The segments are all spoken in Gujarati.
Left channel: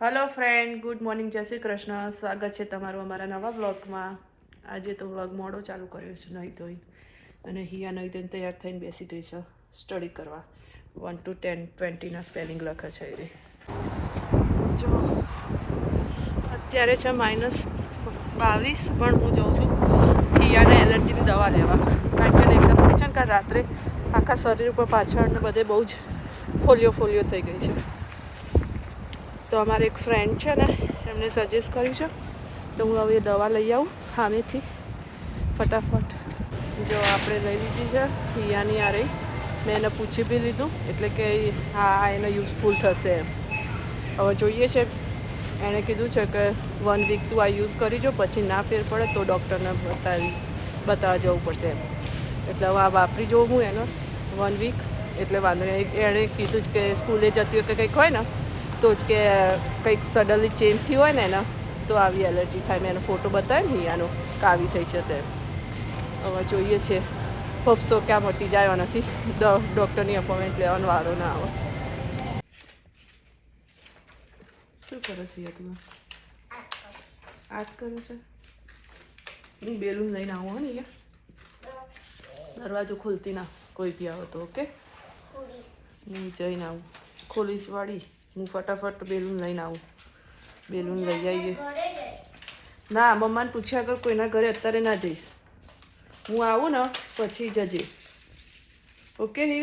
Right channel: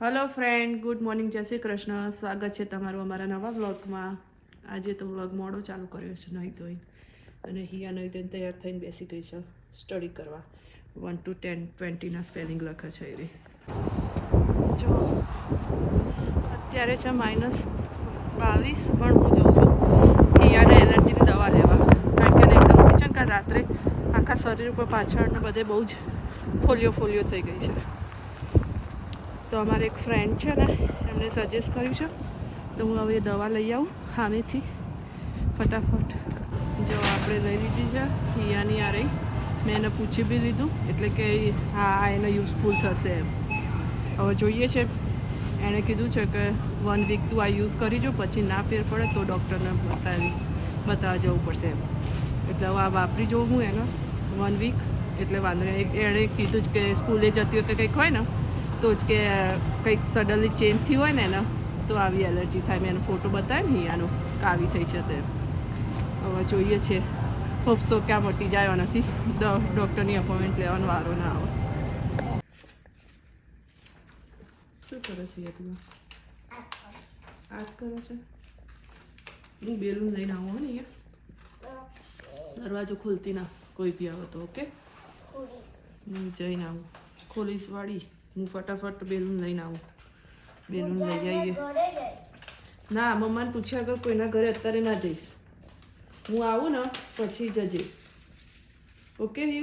હેલો ફ્રેન્ડ, ગુડ મોર્નિંગ, જય શ્રી કૃષ્ણ. સ્વાગત છે તમારું અમારા નવા વ્લોગમાં. આજે તો વ્લોગ મોડો ચાલુ કર્યો છે નહીં ધોઈને, અને હિયા નહીં ધોઈને તૈયાર થઈને બેસી ગઈ છે સ્ટડી કરવા. 1 to 10 20ના સ્પેલિંગ લખે છે એ. જો અત્યારે છે -22, પણ હું જાઉં છું હિયાને એલર્જીની દવા લેવા, કારણ કે એને એકદમથી છે ને કાલ રાત્રે આખા શરીર ઉપર પાછળ ને બધે બહુ જ ફોલિયો થઈ ગઈ છે. તો અમારે એક ફ્રેન્ડ છે ને, એમને સજેસ્ટ કર્યું છે, તો હું હવે દવા લઈ આવું સામેથી ફટાફટ. જો આપણે લઈ લીધી છે હિયાની આ રહી. મેં એને પૂછી બી લીધું, એટલે કે હા એને યુઝફુલ થશે એમ. હવે જોઈએ છે, એણે કીધું છે કે 1 વીક તું આ યુઝ કરી જો, પછી ના ફેર પડે તો ડૉક્ટરને બતાવવા જવું પડશે એમ. એટલે હવે આ વાપરી જોઉં હું એનો 1 વીક, એટલે વાંધો નહીં. એણે કીધું જ કે સ્કૂલે જતી વખતે કંઈક હોય ને તો જ કે કંઈક સડનલી ચેન્જ થયું હોય ને એને તો આવી એલર્જી થાય. મેં એનો ફોટો બતાવ્યો ને હિયાનો કાવી થઈ છે તે. હવે જોઈએ છે, હોપસો ક્યાં મટી જાય નથી, ડૉક્ટરની અપોઇન્ટમેન્ટ લેવાનો વારો ના આવે. શું કરે છે તું? આજ કરે છે. હું બેલુન લઈને આવું હો ને અહીંયા. દરવાજો ખોલતી ના, કોઈ બી આવે તો. ઓકે, હું જઈને આવું. ખોલીશ વાળી, હું ફટાફટ બેલુન લઈને આવું. બેલુન લઈ આવીએ. ના, મમ્માને પૂછ્યા કર, કોઈના ઘરે અત્યારે ના જઈશ. હું આવું ને પછી જજે. ઓકે ને?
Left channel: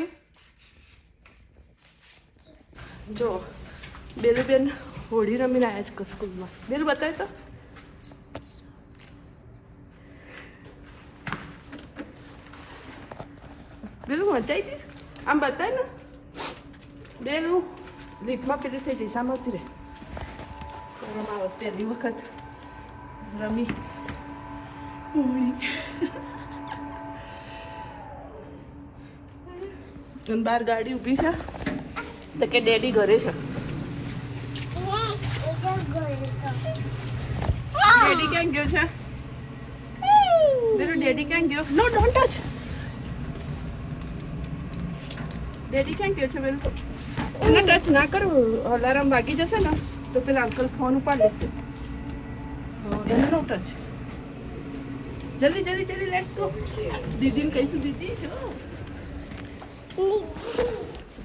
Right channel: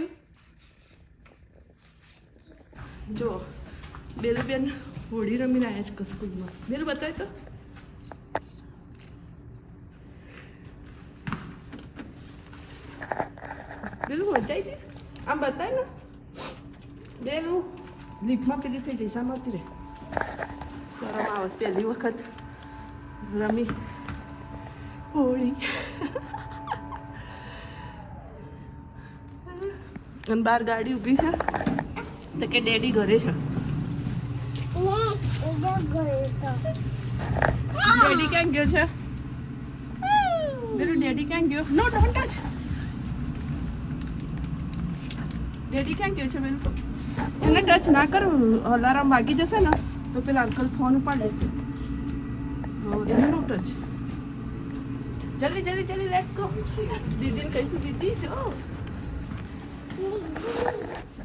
જો બેલુબેન હોળી રમીને આવ્યા છે સ્કૂલમાં. બેલું બતાવે તો. બેલું મજા આવી હતી. આમ બતાય ને બેલું. લીફમાં પેલી થઈ જઈ, સામે ઉતરે. શરમ આવે પહેલી વખત રમી હોળી. અને બહાર ગાડી ઊભી છે તો કે ડેડી ઘરે છે. ડેડી ક્યાં ગયો છે? બેલું ડેડી ક્યાં ગયો? નો, ડોન્ટ ટચ. ડેડી ક્યાં ગયો છે બેલું? એને ટચ ના કરો, અલાર્મ વાગી જશે ને તો પેલા અંકલ ફોન ઉપાડ લેશે. એને નો ટચ. જલ્દી લેટ્સ ગો. દીદીને કહીશું.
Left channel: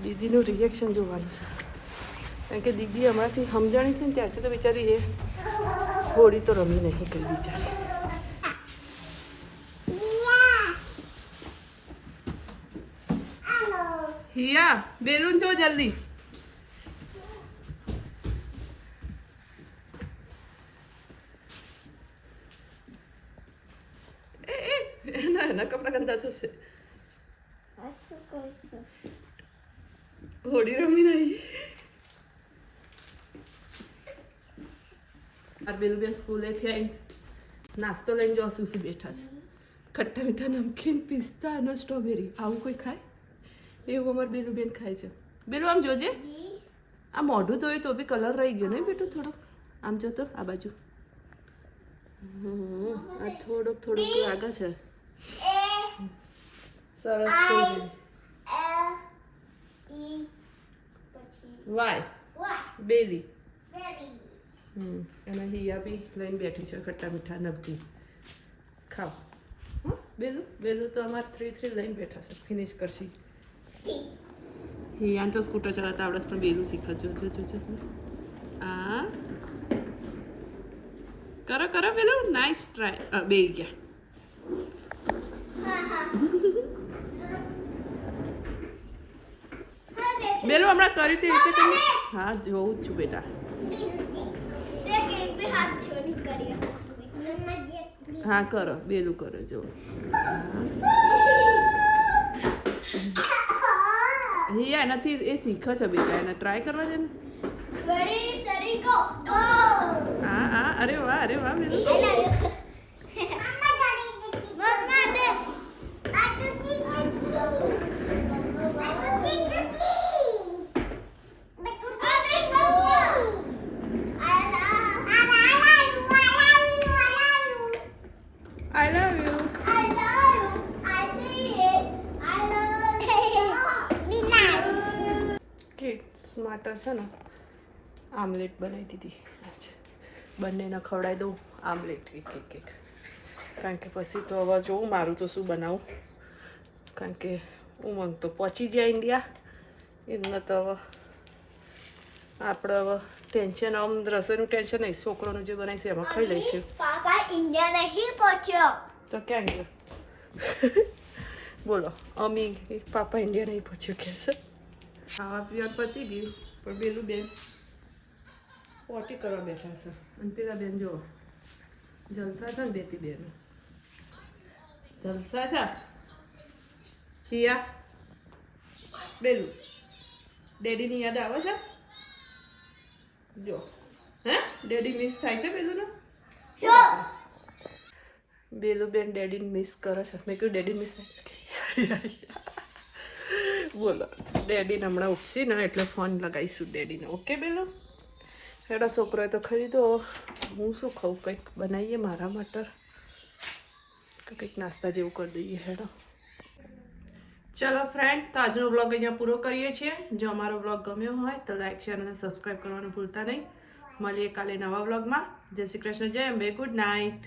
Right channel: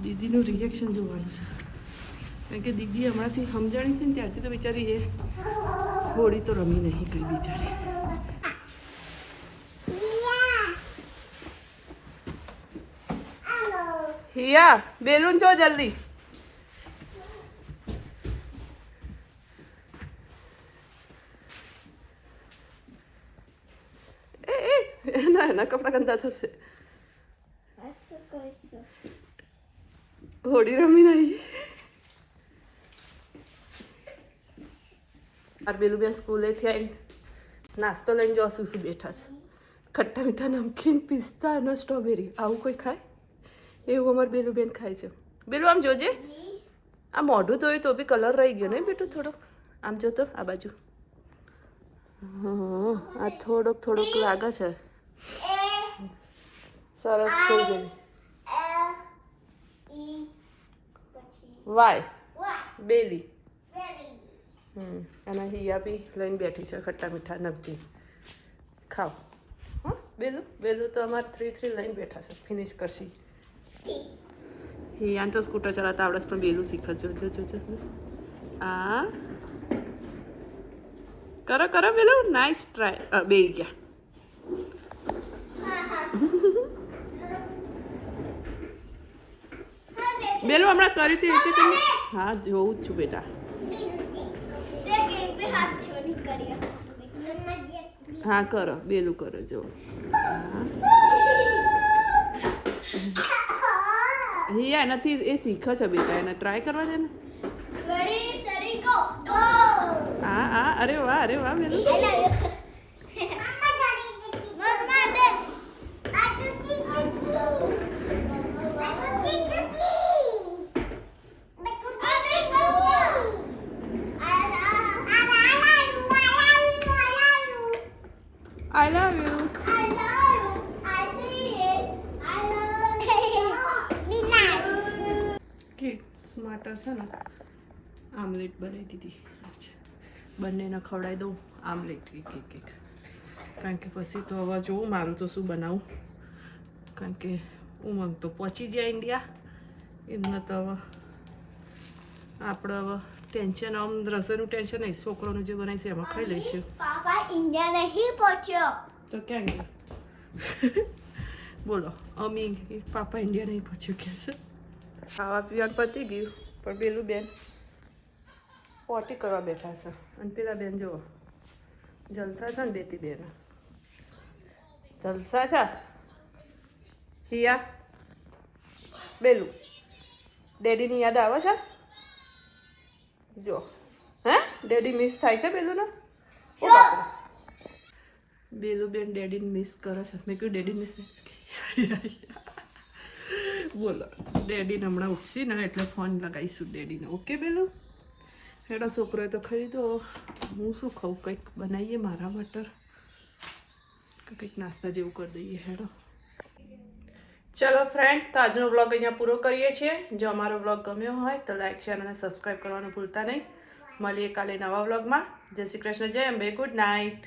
દીદીનું રિએક્શન જોવાનું છે, કારણ કે દીદી હમણાંથી સમજાણી હતી ને ત્યારથી તો બિચારી એ હોળી તો રમી નહીં કઈ બિચારી. હિયા બેલુન જો જલ્દી. એના કપડા ગંદા થશે. હોળી રમી નહીં. બેલું બે સ્કૂલેથી આવીને નાસ્તો લઈને જો શું બેઠા છે. ખટ્ટા મીઠા નમકીન, પિસ્તા અને સ્ટ્રોબેરી. આવું કોઈ ખાય? એવું અમારે બેલું બેન ખાય છે. બેલું આમ જોજે, આ મોઢું ધોયું તો બી કલર રહી ગયો ને બેટું થોડોક. આમ જો તો આ બાજુ. આ થોડોક લાગે છે. સરસ થઈ ગયું. વાય બેલી. અને હિયા બી લઈને બેઠી છે ખટ્ટા મીઠા નમકીન. ખાઓ હા. બેલું તો અમારે 3 લઈને બેઠા છે. ફિનિશ કરશી. હિયાને તો સ્કૂટર ચલાવતા આવડે, પણ બેલું શીખે. જો આ કરો બેલું. Nice try. બે ગયા. બેલું હમણાં કરી હતી રીતે તમે. હા, જોઉં છું બેટા. હા કરો, બેલું કરો. જો હિયા નથી, એ શીખે છે બેટા. એને ટ્રાય કરવા છે ને. હા, અરે વાહ બેલું. સ્માર્ટર છે ને આમલેટ બનાવી દીધી. બંનેને ખવડાવી દઉં આમલેટ એક. કારણ કે પછી તો હવે જોઉં મારું તો શું બનાવું. કારણ કે ઉમંગ તો પહોંચી જાય ઇન્ડિયા. એમને તો હવે આપણે હવે ટેન્શન આમ રસોઈનું ટેન્શન નહીં. છોકરોનું જે બનાવીશું એમાં ખાઈ લઈશું. પાપા ઇન્ડિયા નહીં પહોંચ્યો તો ક્યાં ગયો? બોલો અમી પાપા ઇન્ડિયા નહીં પહોંચ્યો કે છે. ખાવા પીવાનું પતી ગયું પણ પેલું બેન પોટી કરવા બેઠા છે. અને પેલા બેન જુઓ જલસા છે ને બેતી બેન જલસા છે. હિયા બેલું ડેડીની યાદ આવે છે જો. હે ડેડી મિસ થાય છે બેલુંને? બેલું બેન ડેડીને મિસ કરે છે. મેં કહ્યું ડેડી મિસ થાય. બોલો ડેડીને હમણાં ઉઠશી ને એટલે ફોન લગાવીશું ડેડીને. ઓકે બેલું હેડા છોકરોએ તો ખરીદો. હું શું ખાઉં? કંઈક બનાવીએ મારા માટે કંઈક નાસ્તા જેવું કરી દઈએ. હેડો ચલો ફ્રેન્ડ, તો આજનો વ્લોગ અહીંયા પૂરો કરીએ છીએ. જો અમારો વ્લોગ ગમ્યો હોય તો લાઈક શેર અને સબસ્ક્રાઈબ કરવાનું ભૂલતા નહીં. મળીએ કાલે નવા વ્લોગમાં. જય શ્રી કૃષ્ણ, જય અંબે, ગુડ નાઇટ.